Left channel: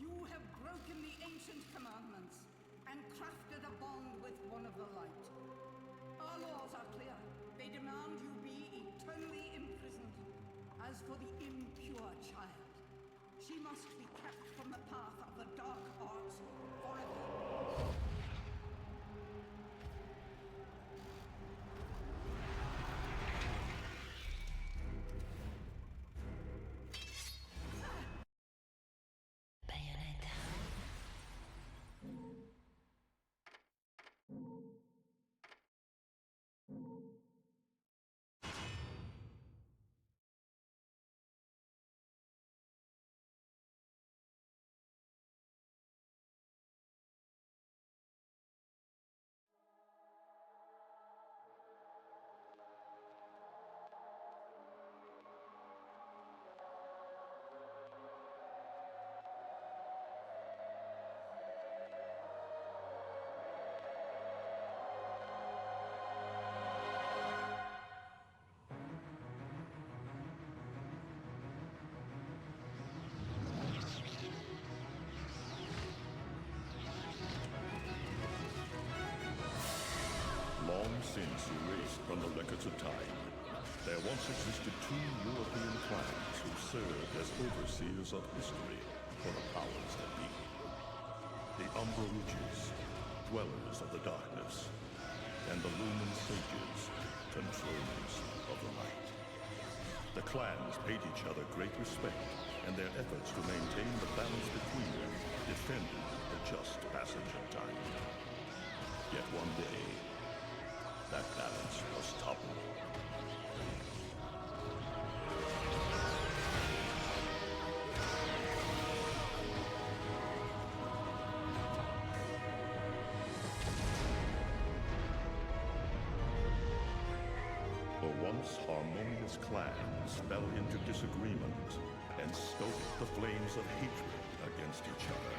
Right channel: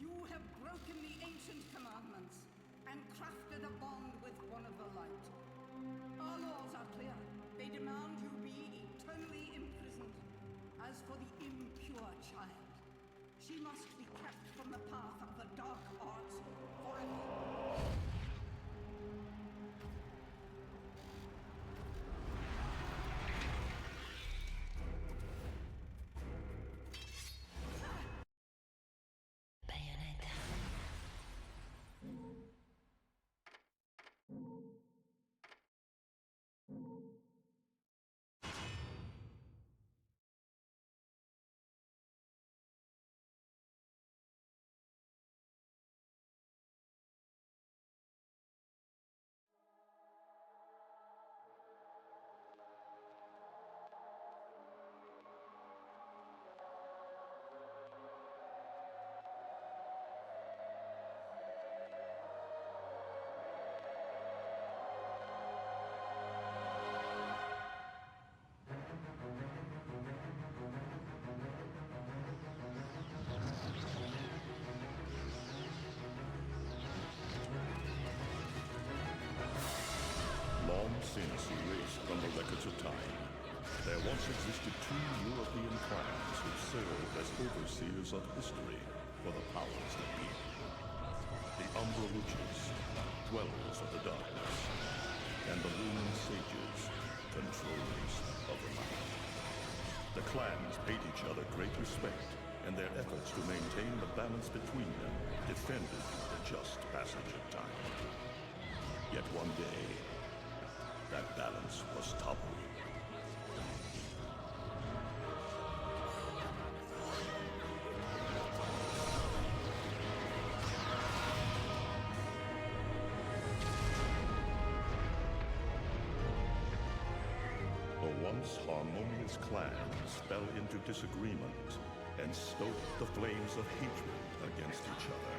You have broken the ancient commandments and crafted a bond with one of the light. Our laws are clear. They demand you be eternally imprisoned. As for the impure child, she must be kept from the path of the dark arts forever. Bayonetta. Long since erased from the records of time, there once existed two European clans who served as overseers of history for the powers that be. The Umbra Witches, dwellers of the darkness, and the Lumen Sages, controllers of the light. The clans paid each other great respect, and their efforts to maintain the balance between them defended the just passage of time. Yet one day, that balance was toppled. The once harmonious clans fell into disagreement and stoked the flames of hatred against each other,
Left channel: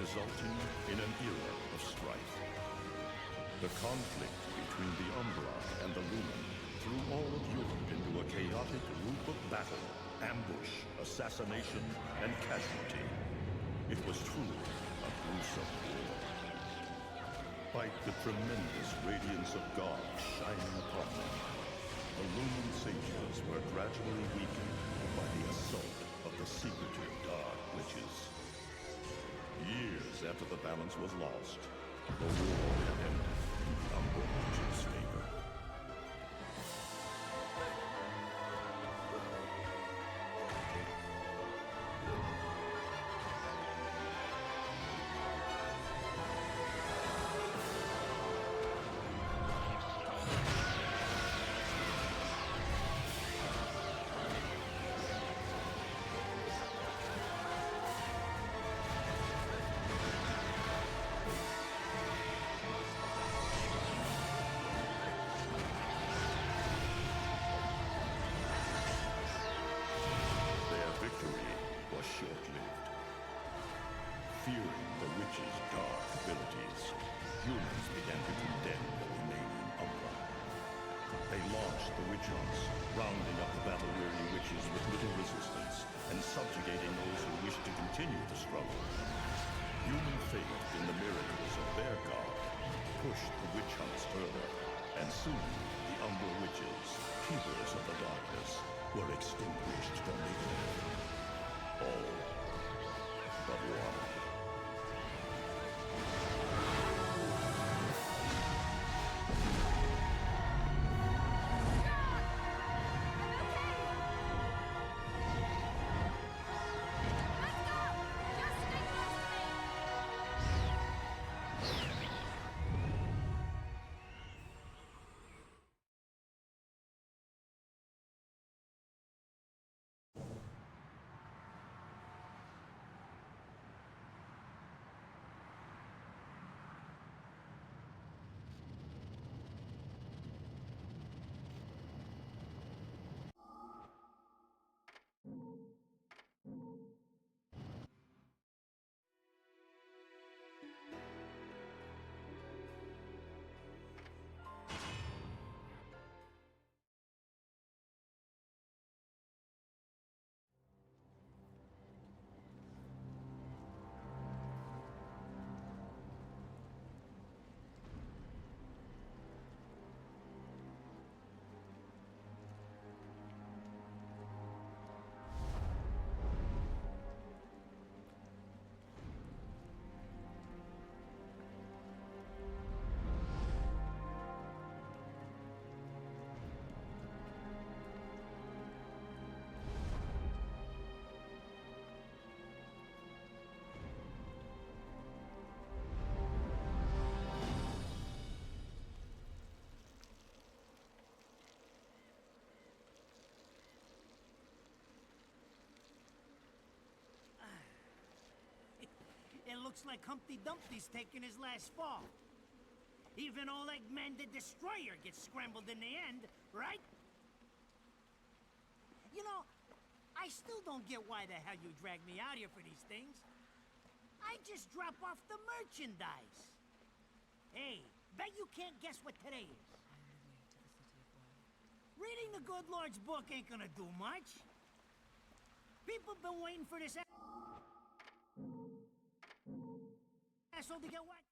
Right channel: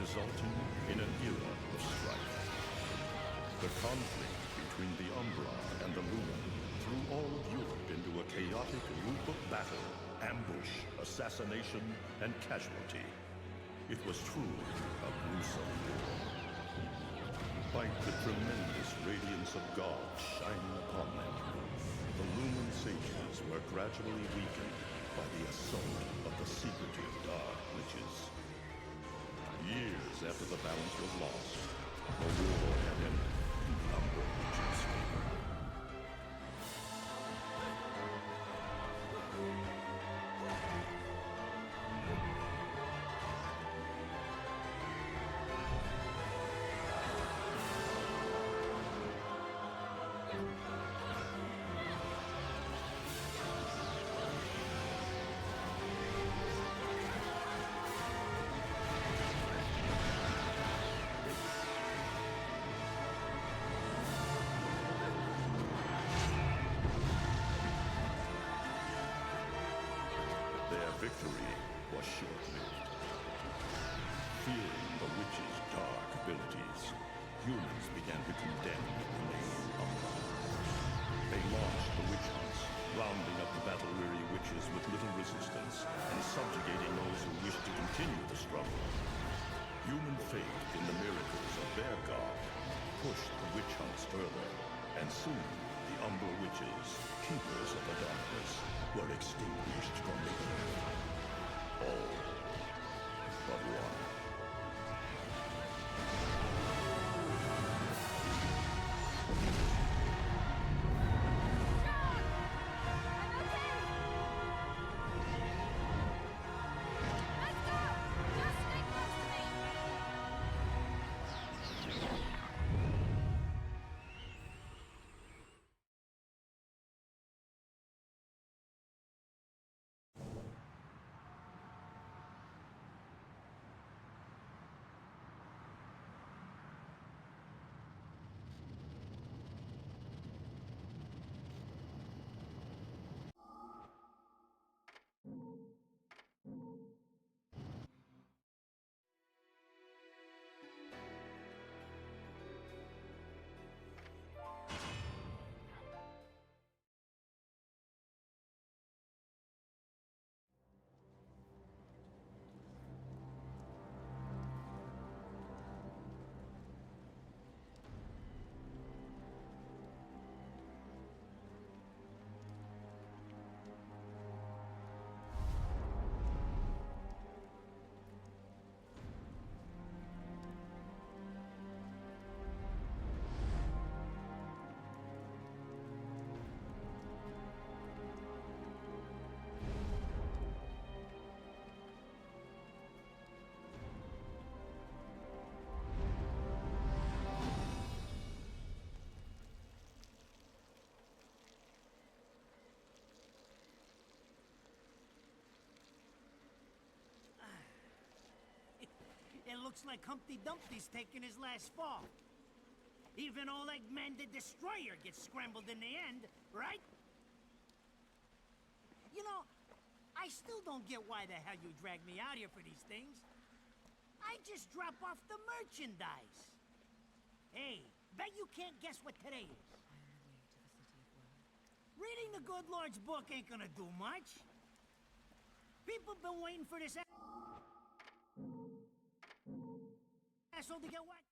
resulting in an era of strife. The conflict between the Umbra and the Lumen threw all of Europe into a chaotic loop of battle, ambush, assassination, and casualty. It was truly a gruesome war. Despite the tremendous radiance of God shining upon them, the Lumen Sages were gradually weakened by the assault of the secretive Dark Witches. Years after the balance was lost, the war had ended in the Umbra Witches' favor. Their victory was short-lived. Fearing the witches' dark abilities, humans began to condemn the remaining Umbra. They launched the witch hunts, rounding up the battle-weary witches with little resistance and subjugating those who wished to continue the struggle. Human faith in the miracles of their god pushed the witch hunts further, and soon the Umbra Witches, keepers of the darkness, were extinguished from the earth. All but one. John! I'm okay! Let's go! Just stay close to me! Kinda looks like Humpty Dumpty's taking his last fall. Even old Eggman the Destroyer gets scrambled in the end, right? You know, I still don't get why the hell you drag me out here for these things. I just drop off the merchandise. Hey, bet you can't guess what today is. I am the way to the city of woe. Reading the good Lord's book ain't gonna do much. People been waiting for this asshole to get whacked.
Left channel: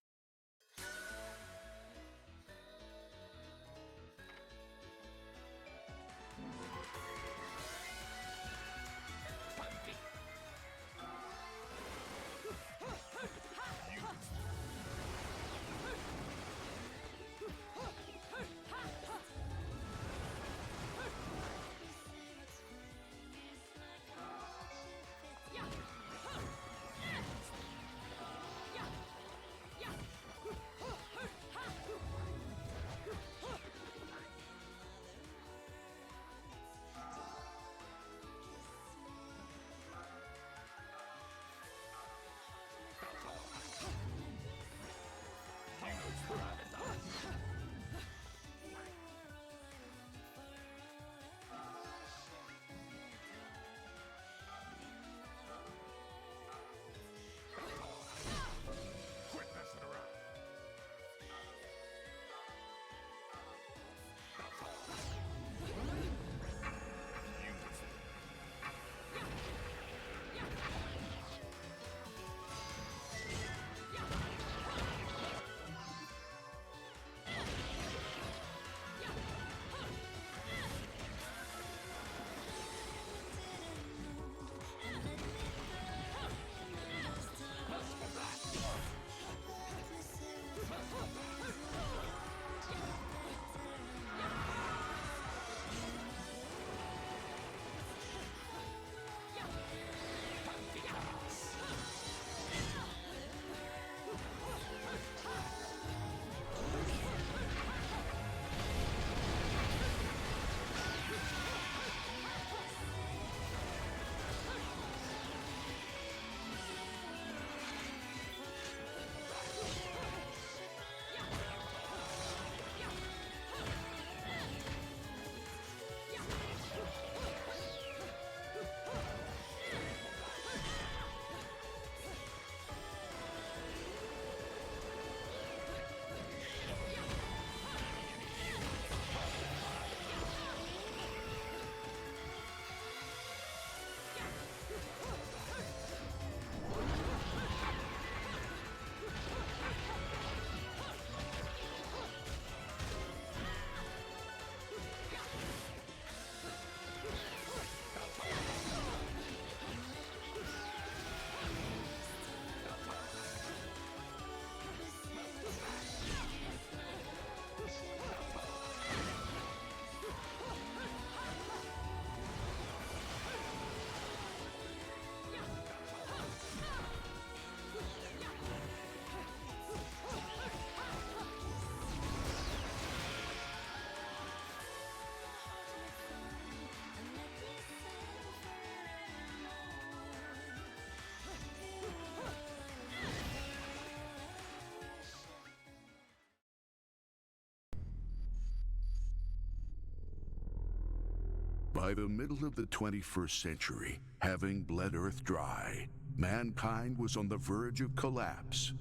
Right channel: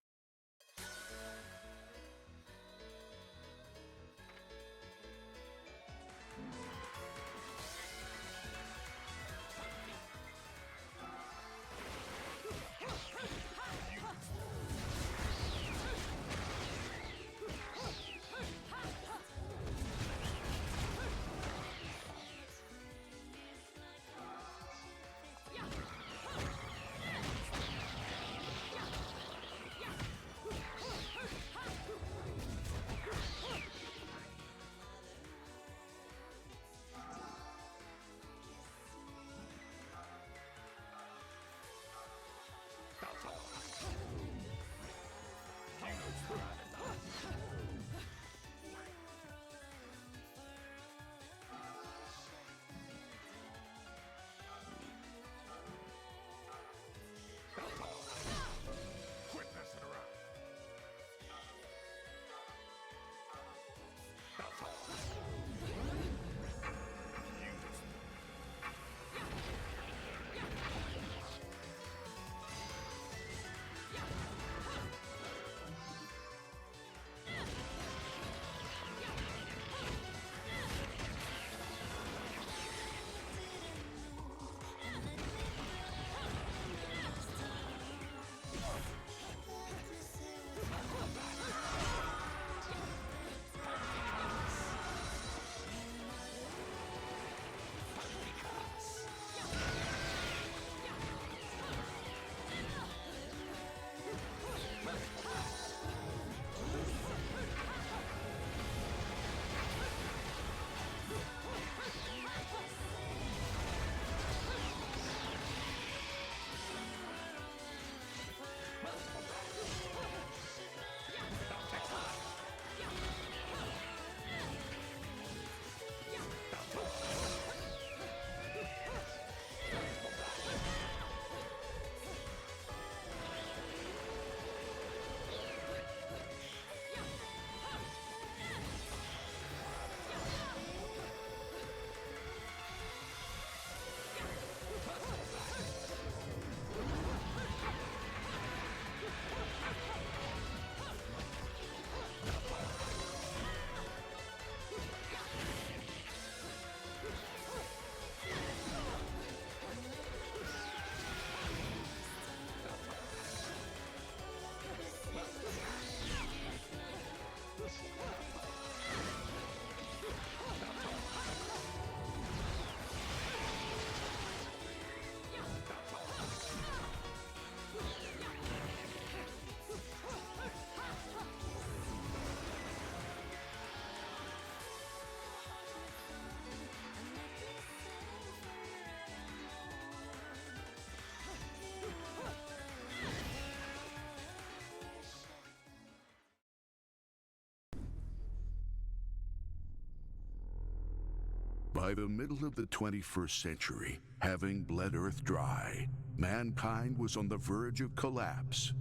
By the middle of the 21st century, having bled Earth dry, mankind was on the verge of collapse.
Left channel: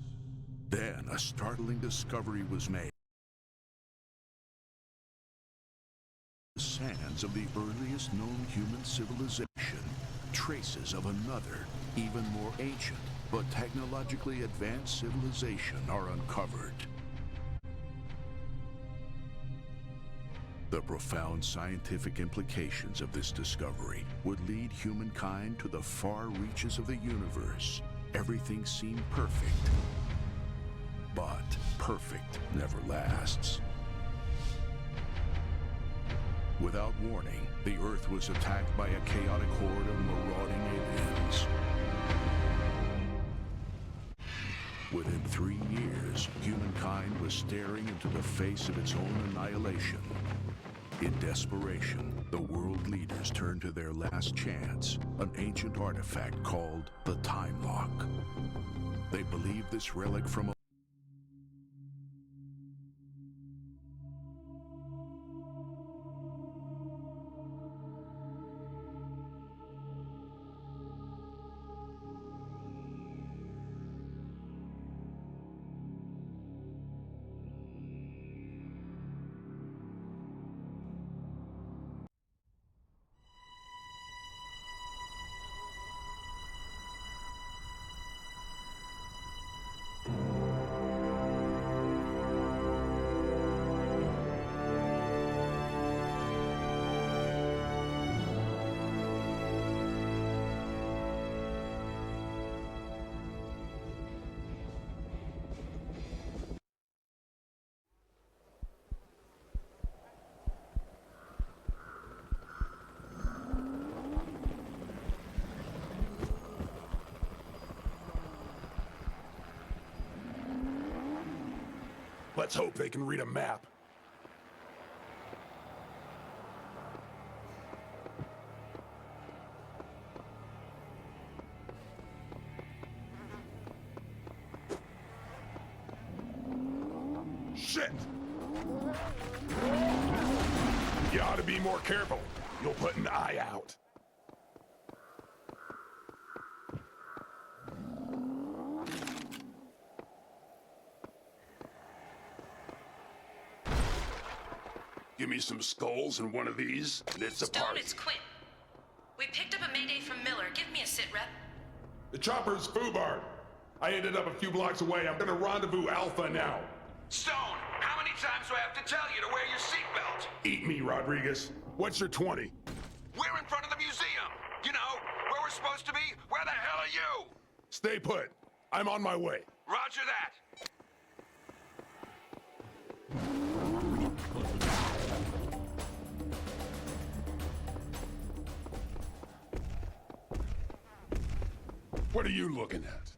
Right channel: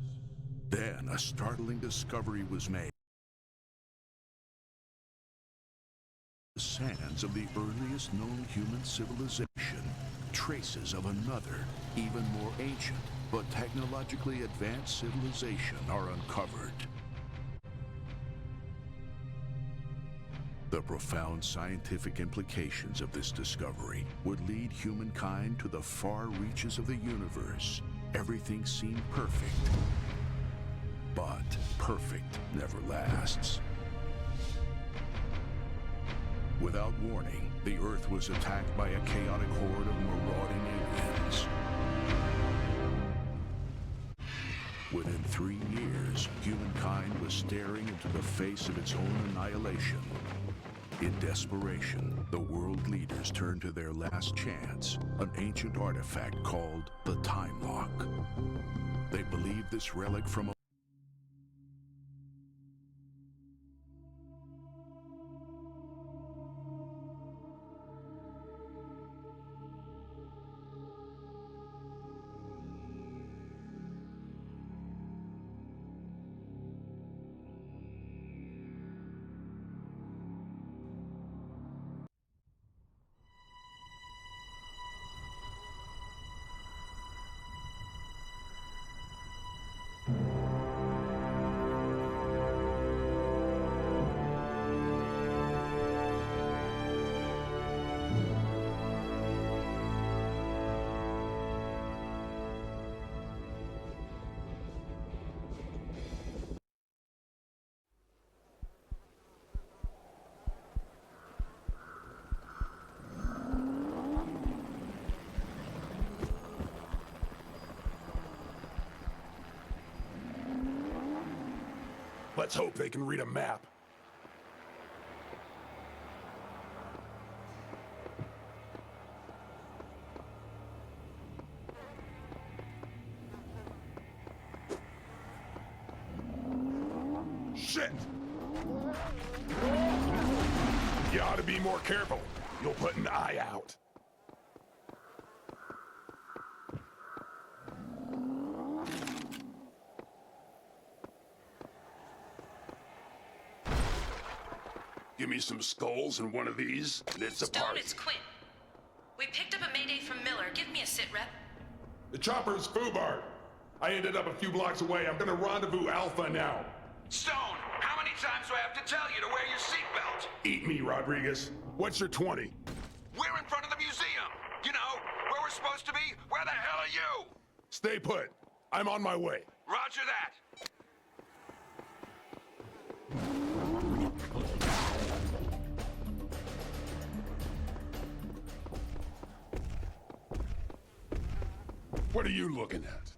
Then a startling discovery was made. The sands of the earliest known human civilization, traces of another, even more ancient, but technologically advanced civilization are uncovered. The profound scientific implications of this discovery would lead humankind to the far reaches of the universe. Everything seemed perfect. But perfect never lasts. Without warning, the Earth was attacked by a chaotic horde of marauding aliens. Within 3 years, humankind was staring into the face of its own annihilation. In desperation, the world leaders turn to their last chance, an ancient artifact called the Time Lock. They believe this relic from a Let's hope they can read a map. Shit! You ought to be more careful. You'll put an eye out. Give me some skulls and one of these, and it's a Stone, party. it's Quinn. We picked up a mayday from Miller. Give me a sit rep. The chopper's Foobar. I ended up a few blocks away. I'm gonna rendezvous Alpha now. Stone, how many times do I have to tell you to wear your seatbelt? Eat me, Rodriguez. What's your 20? We're in front of the museum. You know, where we're supposed to be. Where the hell are you? Stay put. I'm on my way. Roger that. What are you looking at?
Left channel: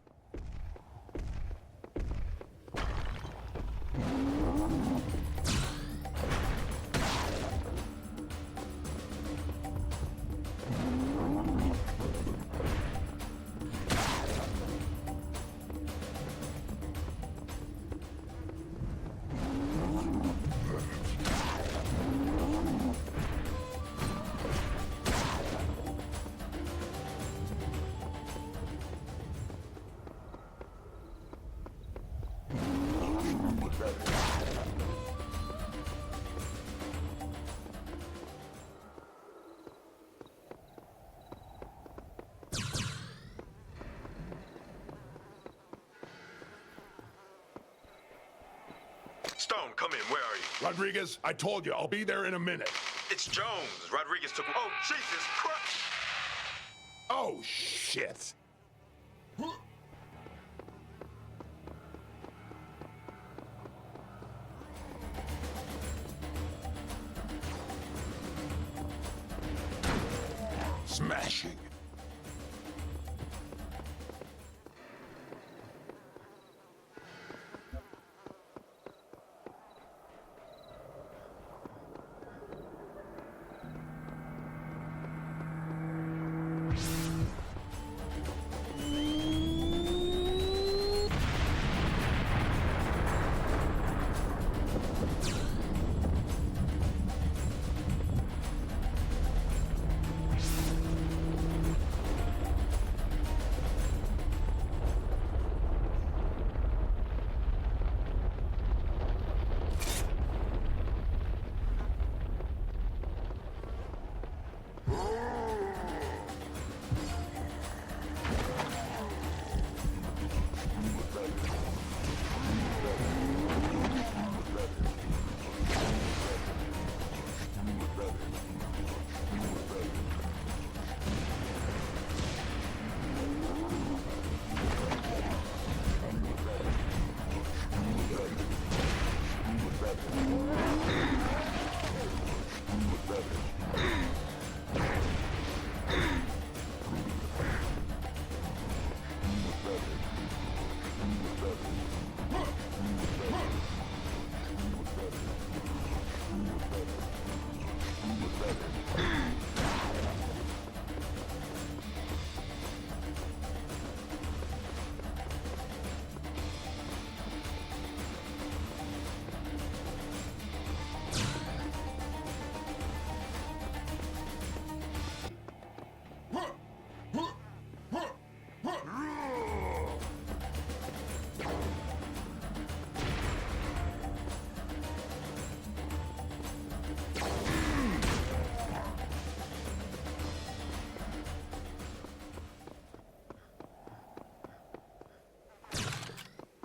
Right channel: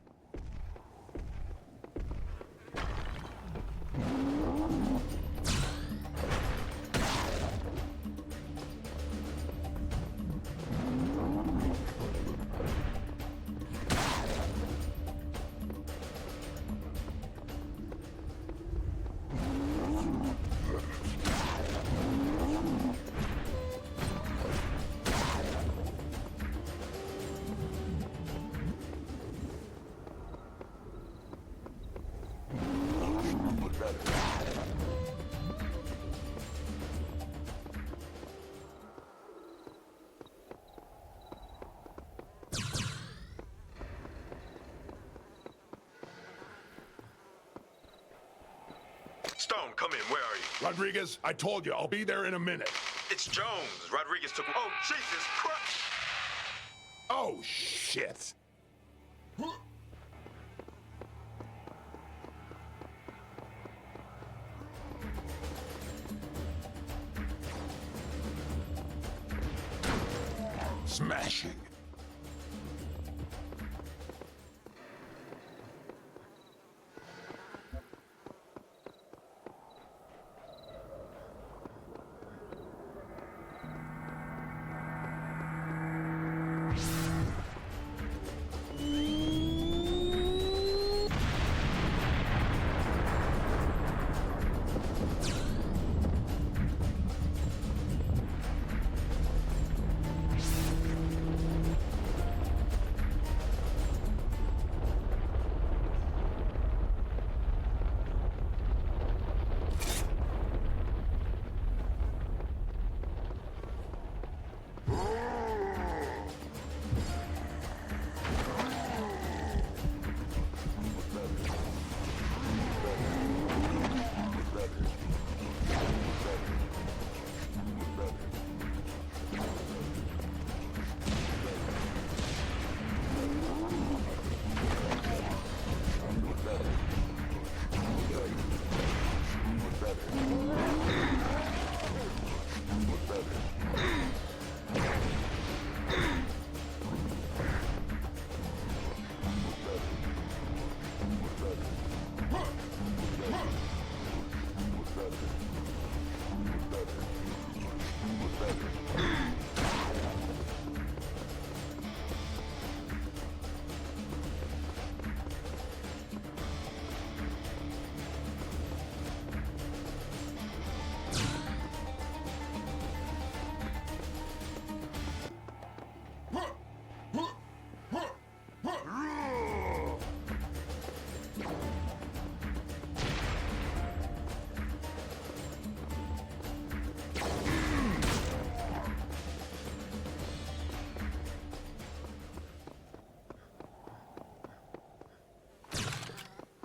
Stone, come in. Where are you? Rodriguez, I told you, I'll be there in a minute. It's Jones. Rodriguez took... Oh, Jesus Christ! Oh, shit. Smashing.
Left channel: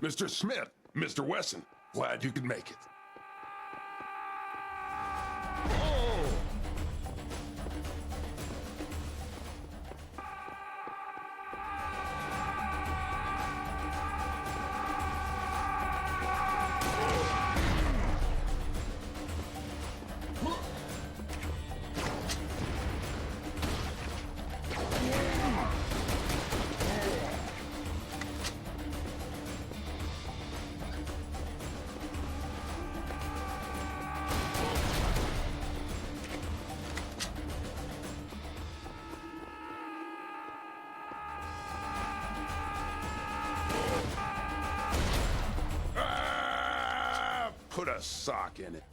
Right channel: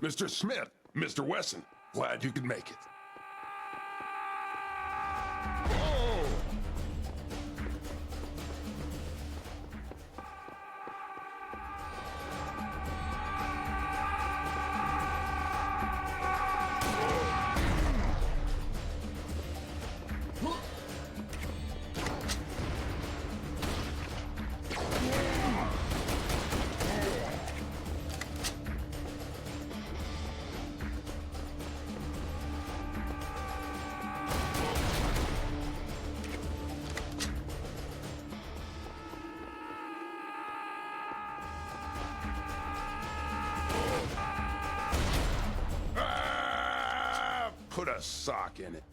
Mr. Smith, Mr. Wesson, glad you could make it. Put a sock in it.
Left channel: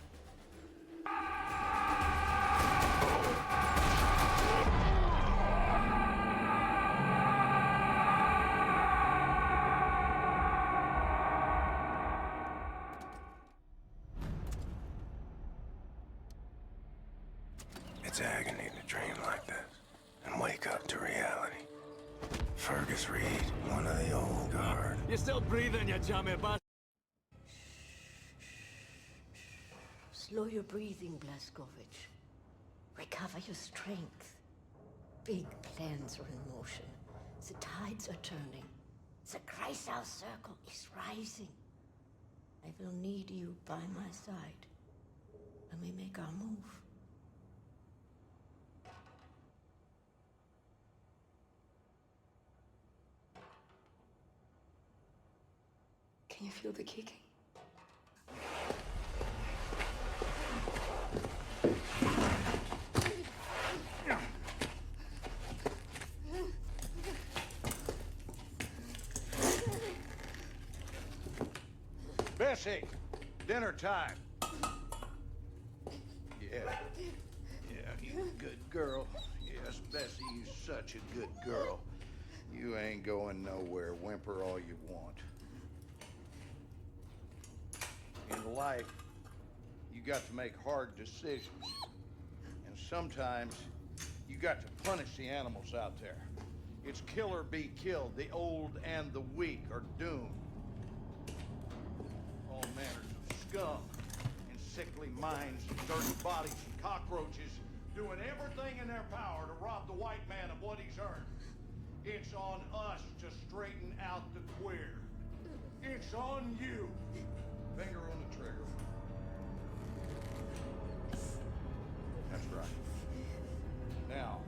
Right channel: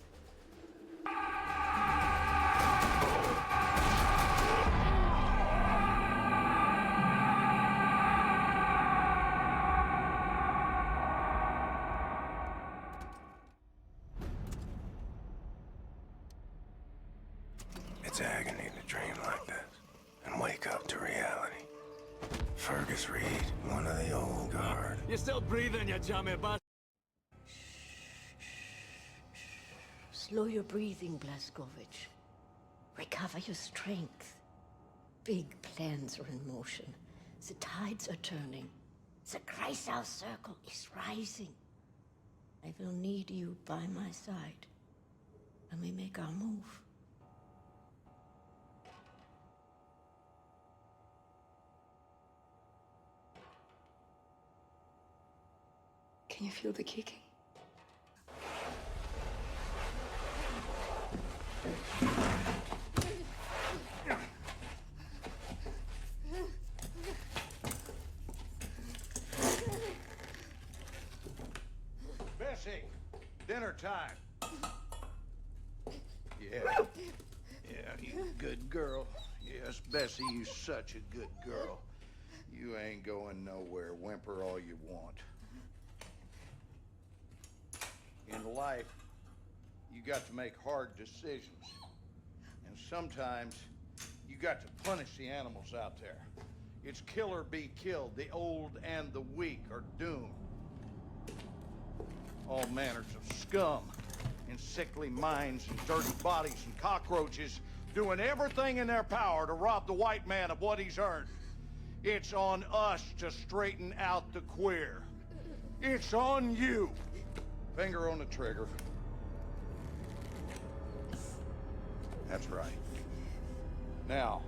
It's agony to dream like this and wake up to reality. Fergus Reed, one of the old guard. You're still breathing, you chummy bastard. Slow your breathing, Blazkowicz. Recover your strength. Big plans are in motion. The tides are turning. The Kreisau circle is rising. I will need you by my side when we make our move. Can you feel the kicking? Bessie, dinner time. Yeah, you good girl. Yes, Bessie, you such a good girl. You ain't going nowhere. Whimper all you want. In life, you got to make hard decisions. And sometimes, you got to punish the animals out there. It's kill or be killed. The old and the weak are doomed. All manners of scum and sickly minds and dirty bodies and cockroaches doing everything in their power to rob the white man of what he's earned. It's on us to straighten out the queer. It's on you. Finger on the trigger. That's right. Now,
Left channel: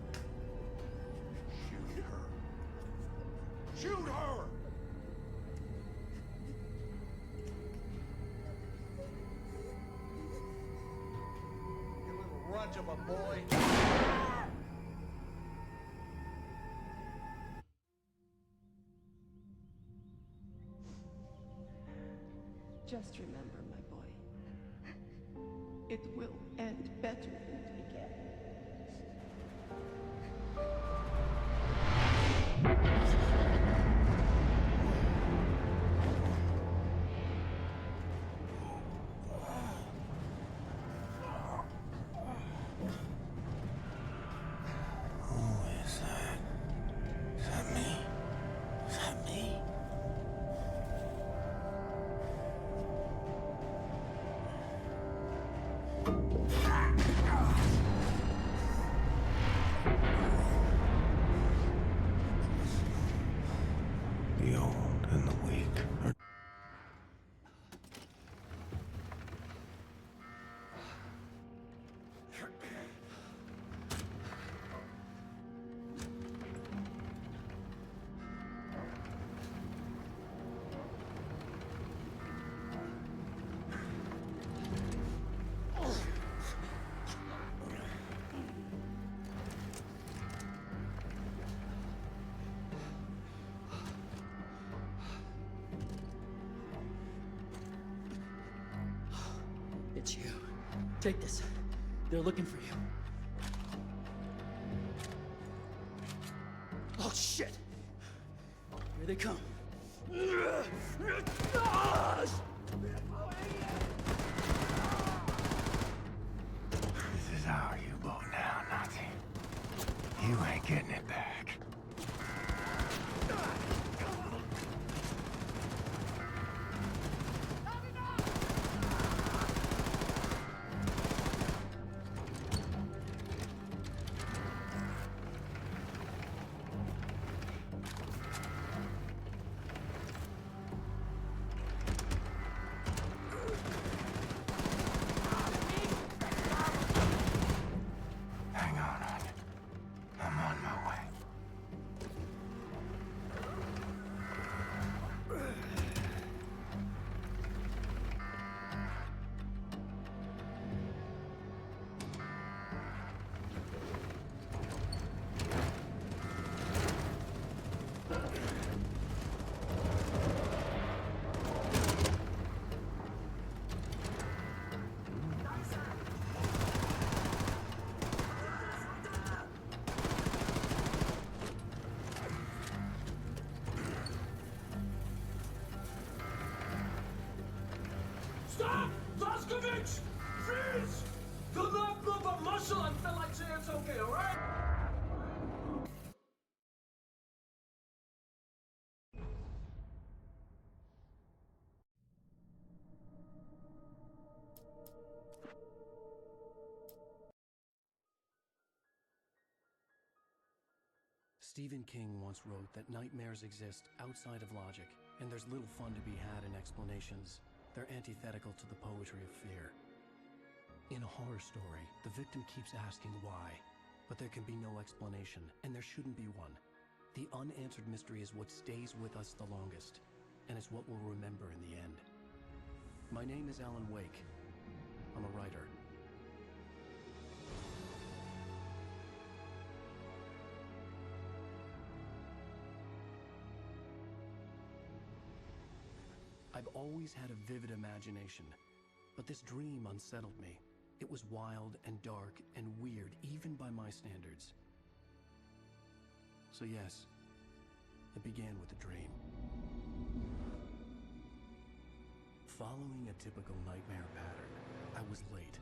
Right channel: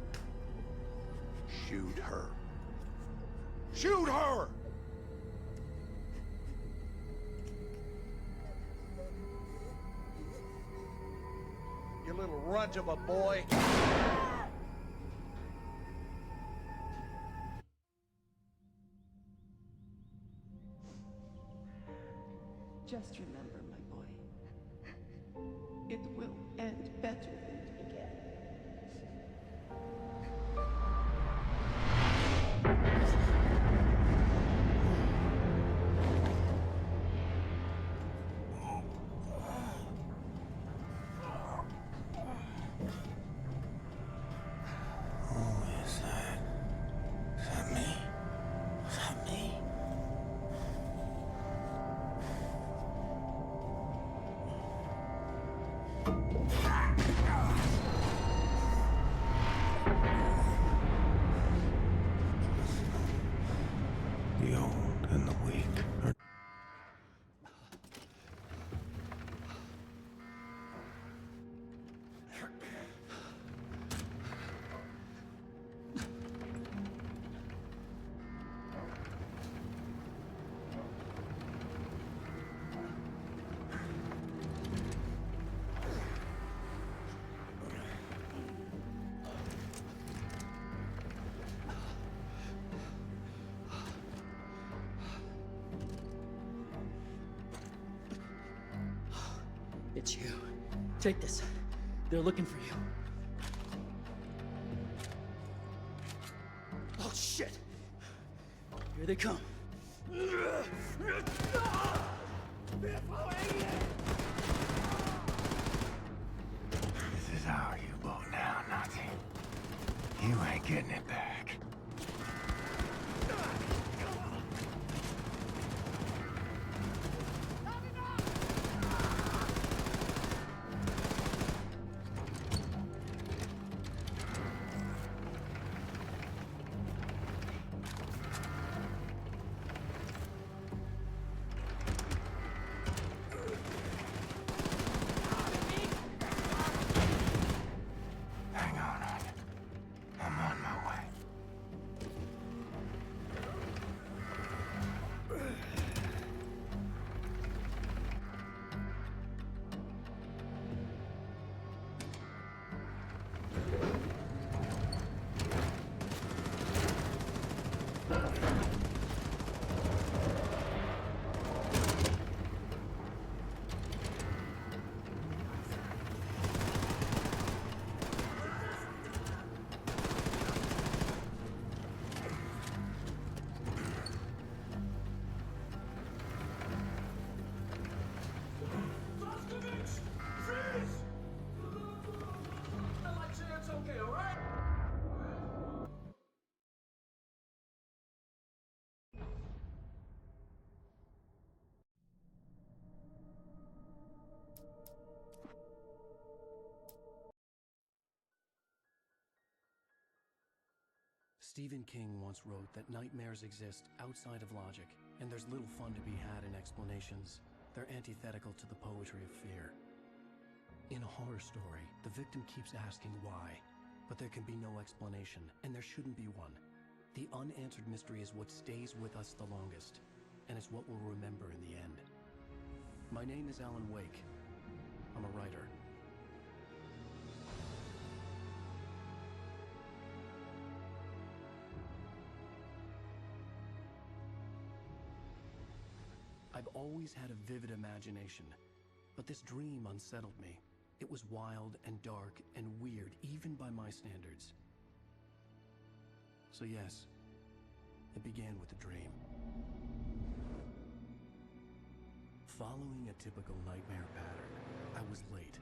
shoot her. Shoot her! You little runt of a boy. Just remember, my boy. It will end better than it began. The old and the weak are... It's you. Take this. They're looking for you. Oh, shit! Here they come. This is our U-boat now, Nazi. You ain't getting it back. Stephen King once wrote that nightmares exist outside of logic, and there's little fun to be had in explanations. They're antithetical to the poetry of fear. In a horror story, the victim keeps asking why, but there can be no explanation, and there shouldn't be one. The unanswered mystery is what stays with us the longest, and it's what we'll remember in the end. My name is Alan Wake. I'm a writer. I've always had a vivid imagination, but this dream unsettled me. It was wild and dark and weird, even by my standards. So yes, it began with a dream. Following a typical nightmare pattern, I was late,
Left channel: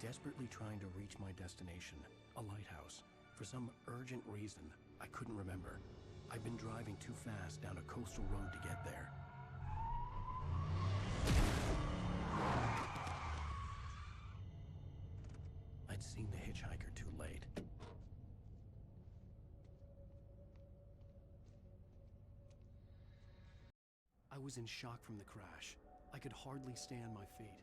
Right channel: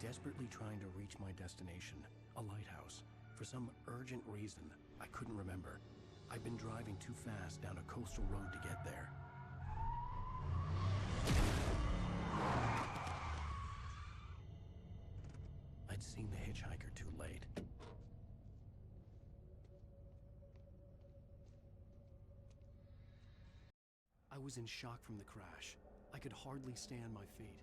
desperately trying to reach my destination, a lighthouse. For some urgent reason, I couldn't remember. I'd been driving too fast down a coastal road to get there. I'd seen the hitchhiker too late. I was in shock from the crash. I could hardly stay on my feet.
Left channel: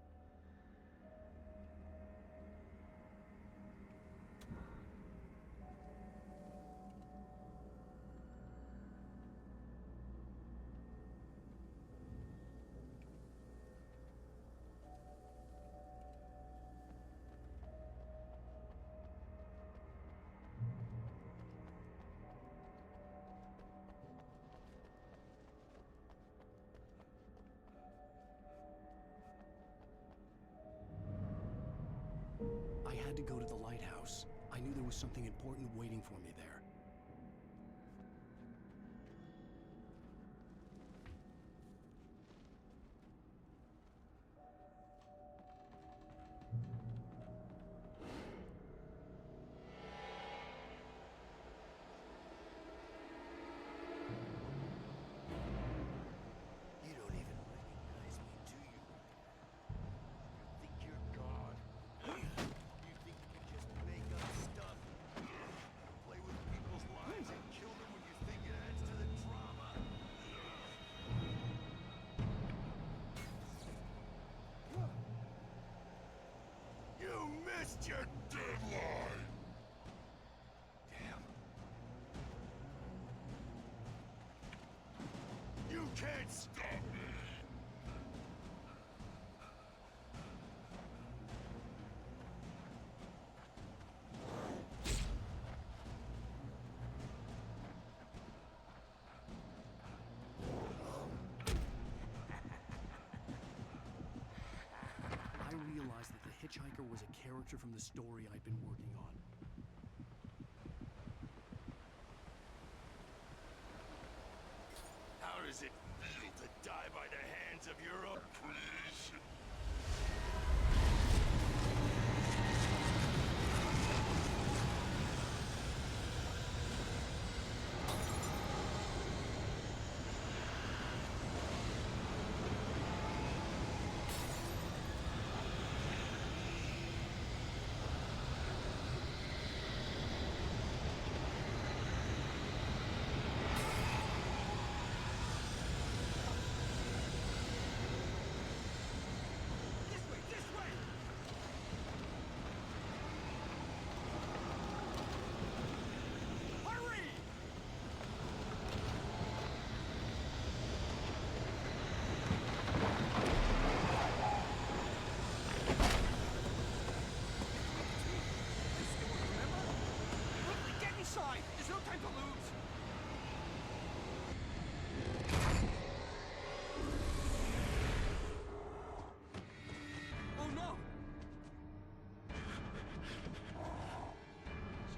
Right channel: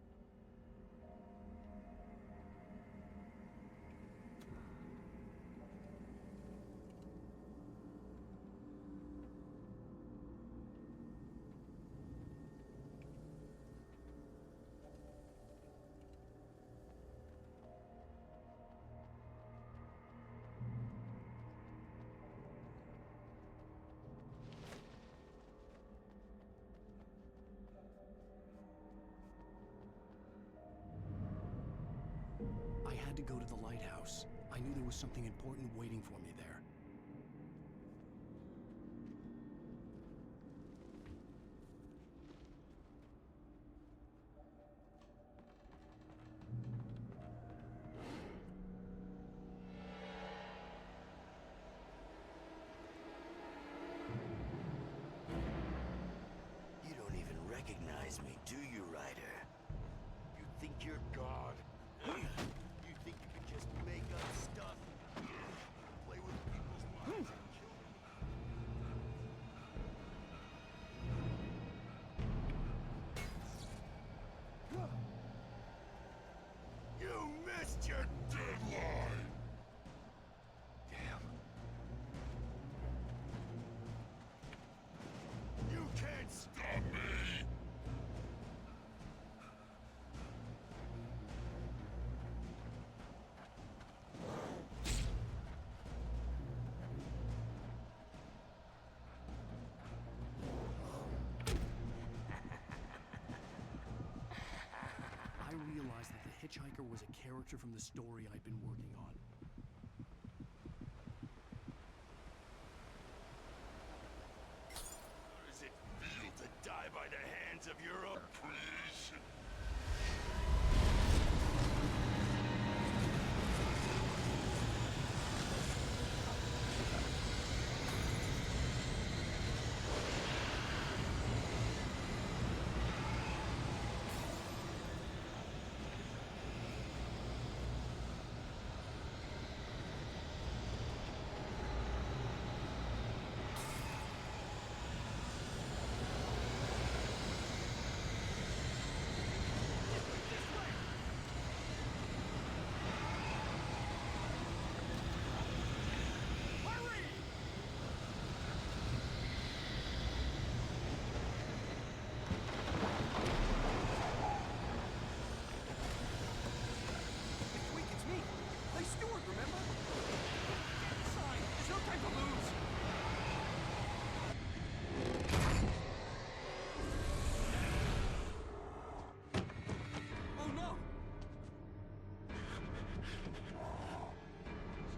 I had to go to the lighthouse. I knew there was something important waiting for me there. You don't even recognize me, do you, Ryder? You think you're God? You think you can just make up stuff? Play with people's lives and kill them when you think it adds to the drama? You missed your deadline! Damn. You can't stop me! I realized that the hitchhiker was a character from the story I'd been working on. How does it feel to die by the hands of your own creation?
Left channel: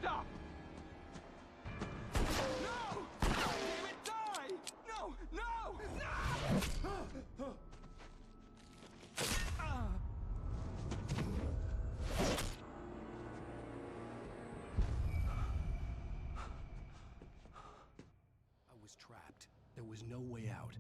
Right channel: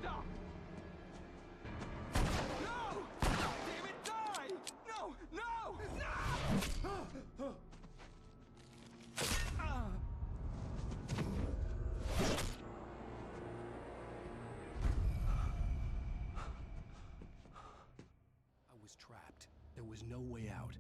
Stop! No! Damn it, die! No! No! No! I was trapped. There was no way out.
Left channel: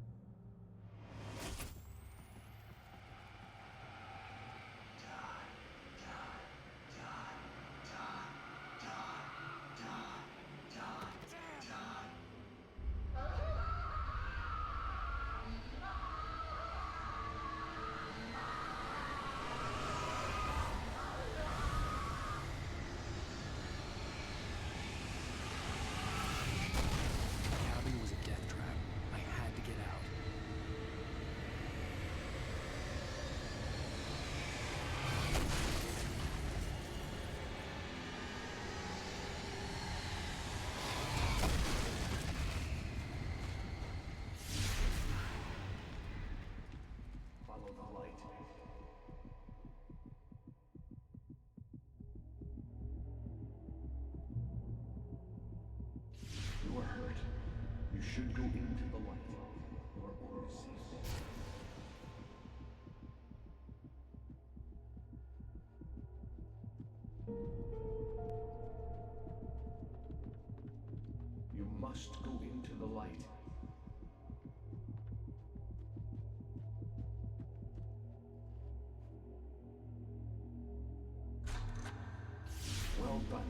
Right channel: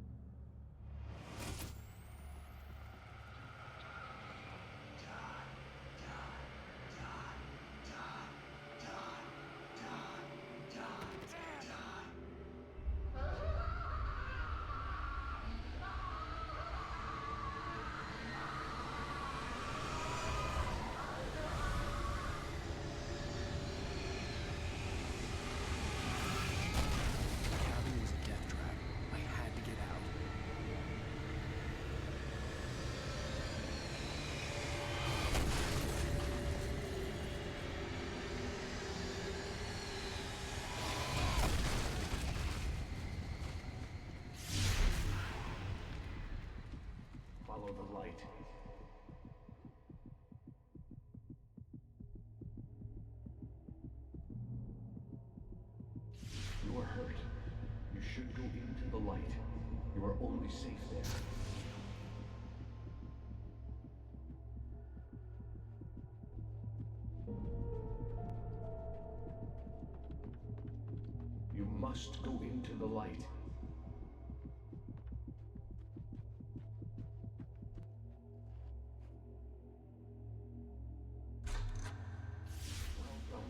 follow the light. You are hurt. You should go into the light. You are only safe there. You must go into the light. Well done.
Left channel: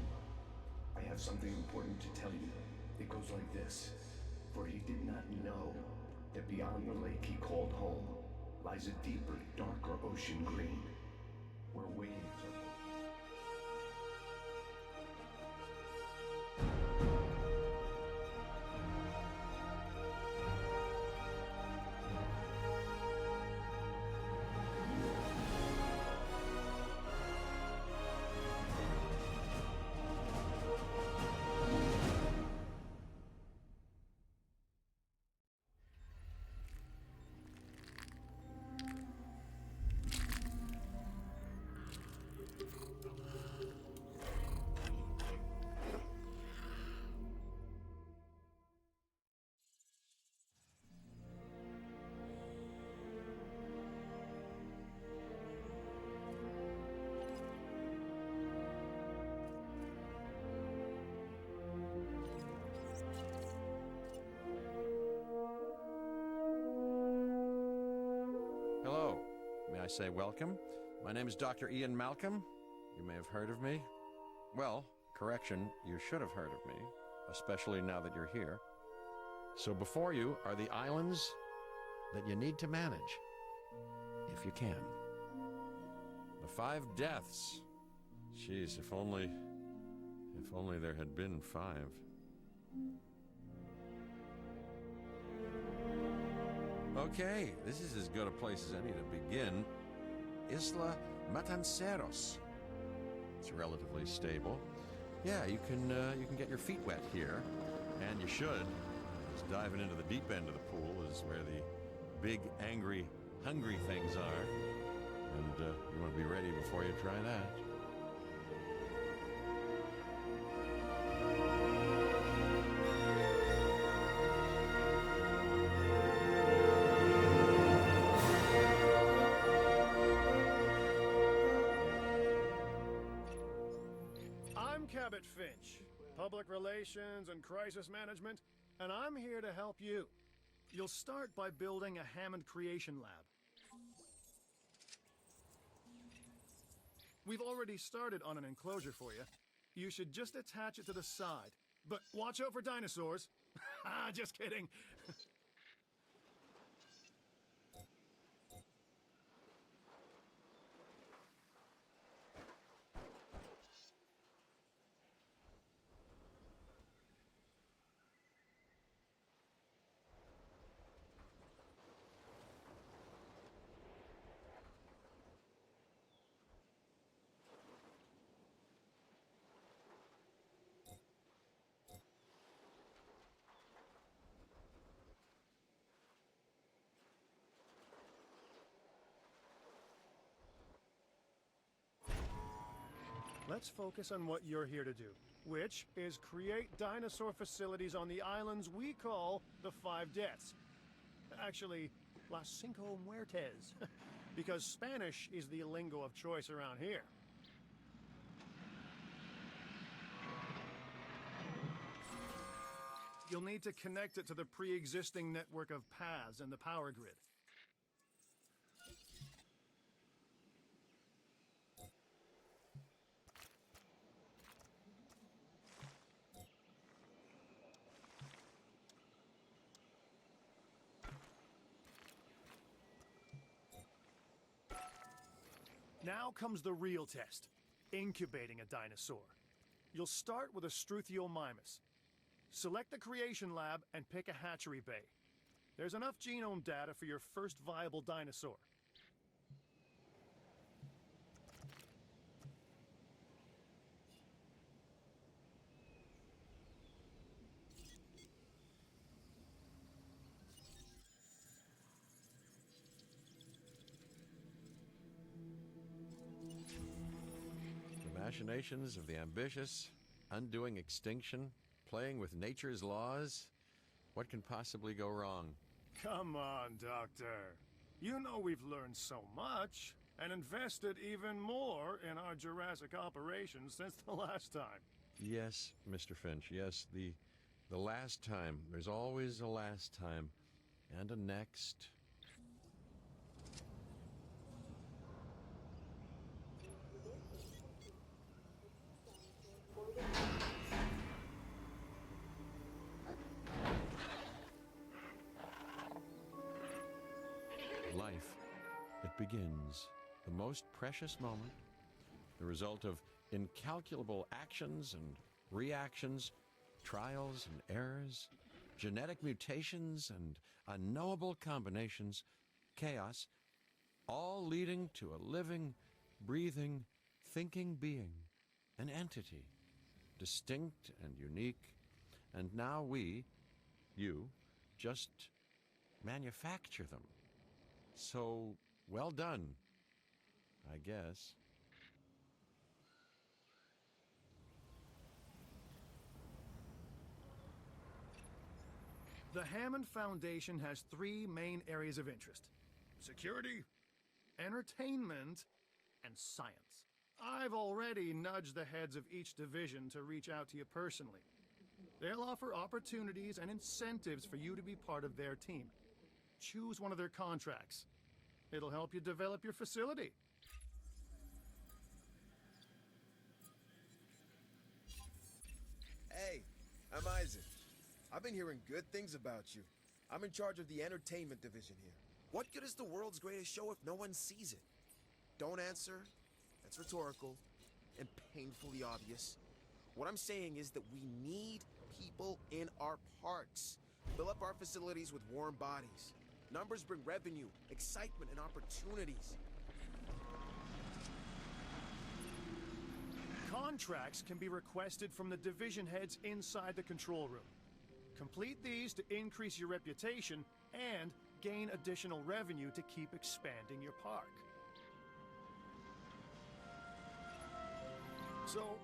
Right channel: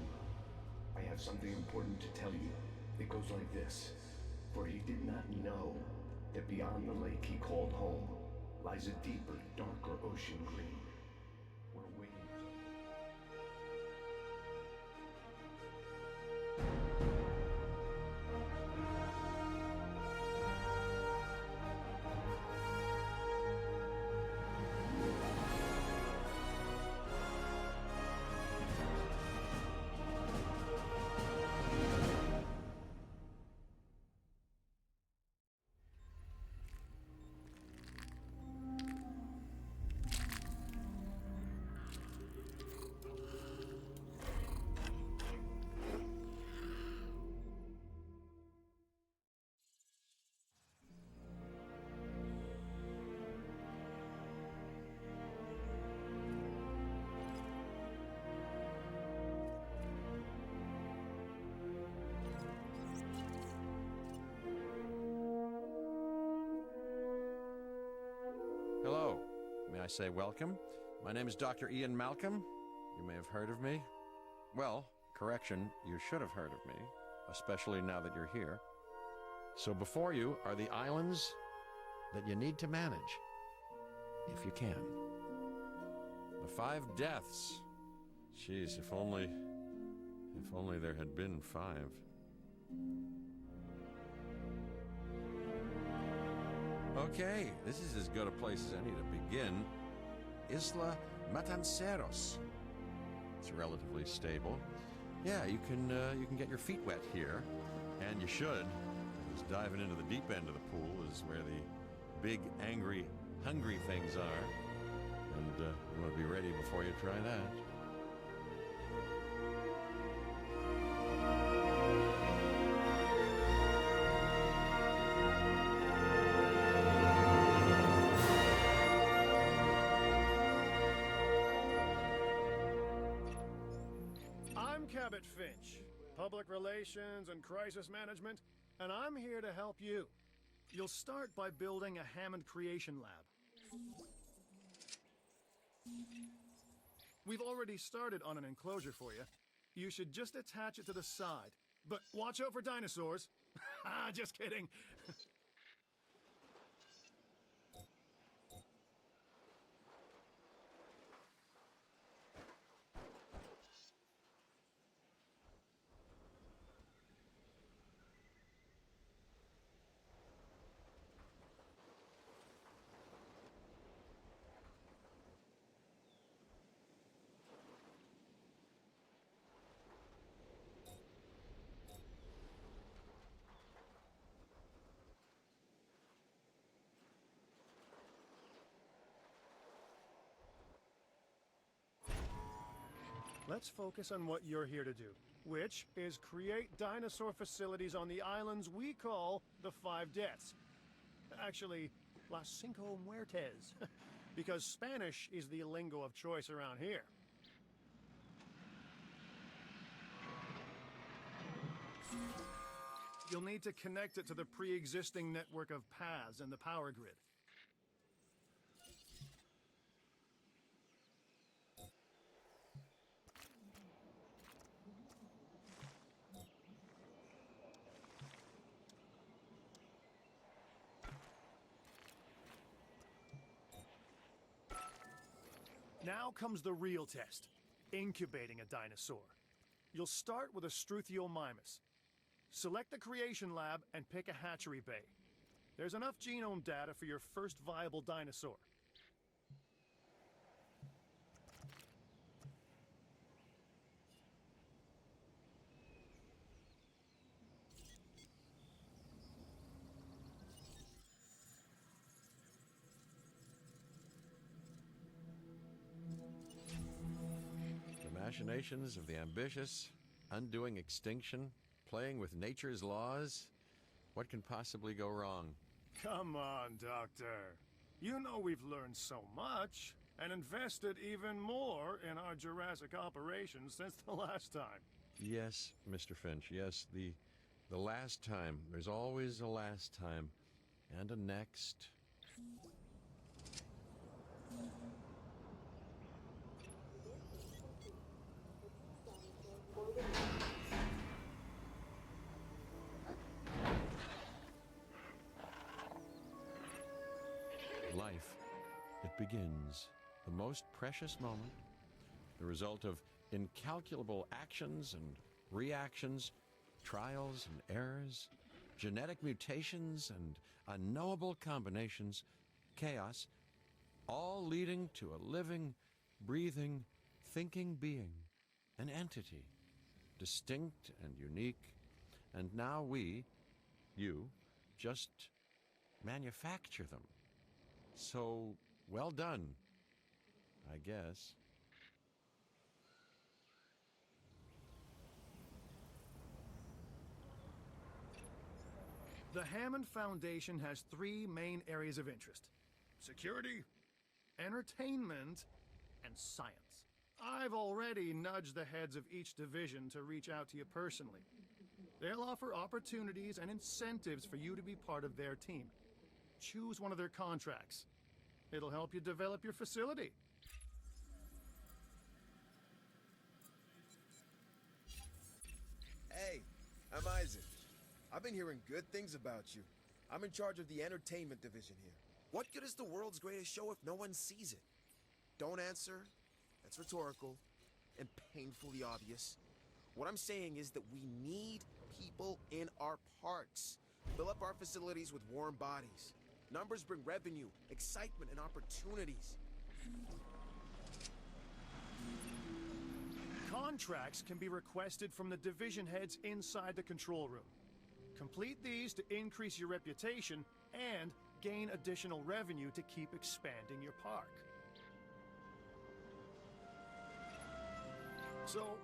I have something important to tell you. It goes like this. For he did not know that beyond the lake he called home lies a deeper, darker ocean green, where waves are... Hello. May I say welcome? My name is Dr. Ian Malcolm. You may have heard of me. Well, correction, you should have heard of me, especially now that you're here. So before you are the islands that you need to manage, if you can. The 5 deaths. Jeez, if only there had been 5. Okay, this is as good a place as any to begin. Isla Matanceros. It's relatively stable. Yeah, you can get your feet wet here, and you should. Because diving into the deep end of the pool is where the big, angry, hungry things are, and you want to be ready before you try that. Cabot Finch, Public Relations and Crisis Management, and I'm here to help you. You'll start by building a Hammond Creation Lab. We've already started on an enclosure for you. You should just attach it to the side. But watch out for dinosaurs. Just kidding. Let's focus on what you're here to do, which is create dinosaur facilities on the islands we call the 5 Deaths. Actually, Las Cinco Muertes, because Spanish is the lingo of choice around here. You'll need to connect it to the pre-existing network of paths and the power grid. Now comes the real test, incubating a dinosaur. You'll start with a Struthiomimus. Select the Creation Lab and pick a hatchery bay. There's enough genome data for your first viable dinosaur. machinations of the ambitious, undoing extinction, playing with nature's laws. What can possibly go wrong? Come on, Doctor. You know we've learned so much, and invested even more in our Jurassic operations since the last time. Yes, Mr. Finch, yes, the last time. There's always a last time. And a next. Life, it begins. The most precious moment, the result of incalculable actions and reactions, trials and errors, genetic mutations and unknowable combinations, chaos, all leading to a living, breathing, thinking being, an entity, distinct and unique, and now we, you, just manufacture them. So, well done, I guess. The Hammond Foundation has 3 main areas of interest: security, entertainment, and science. I've already nudged the heads of each division to reach out to you personally. They'll offer opportunities and incentives for you to be part of their team. Choose one of their contracts. It'll help you develop your facility. Hey, I'm Isaac. I've been hearing good things about you. I'm in charge of the entertainment division here. What good is the world's greatest show if no one sees it? Don't answer. That's rhetorical and painfully obvious. What I'm saying is that we need people in our parks. Fill up our facilities with warm bodies. Numbers bring revenue, excitement, and opportunities. Contracts can be requested from the division heads inside the control room. Complete these to increase your reputation and gain additional revenue to keep expanding your park. So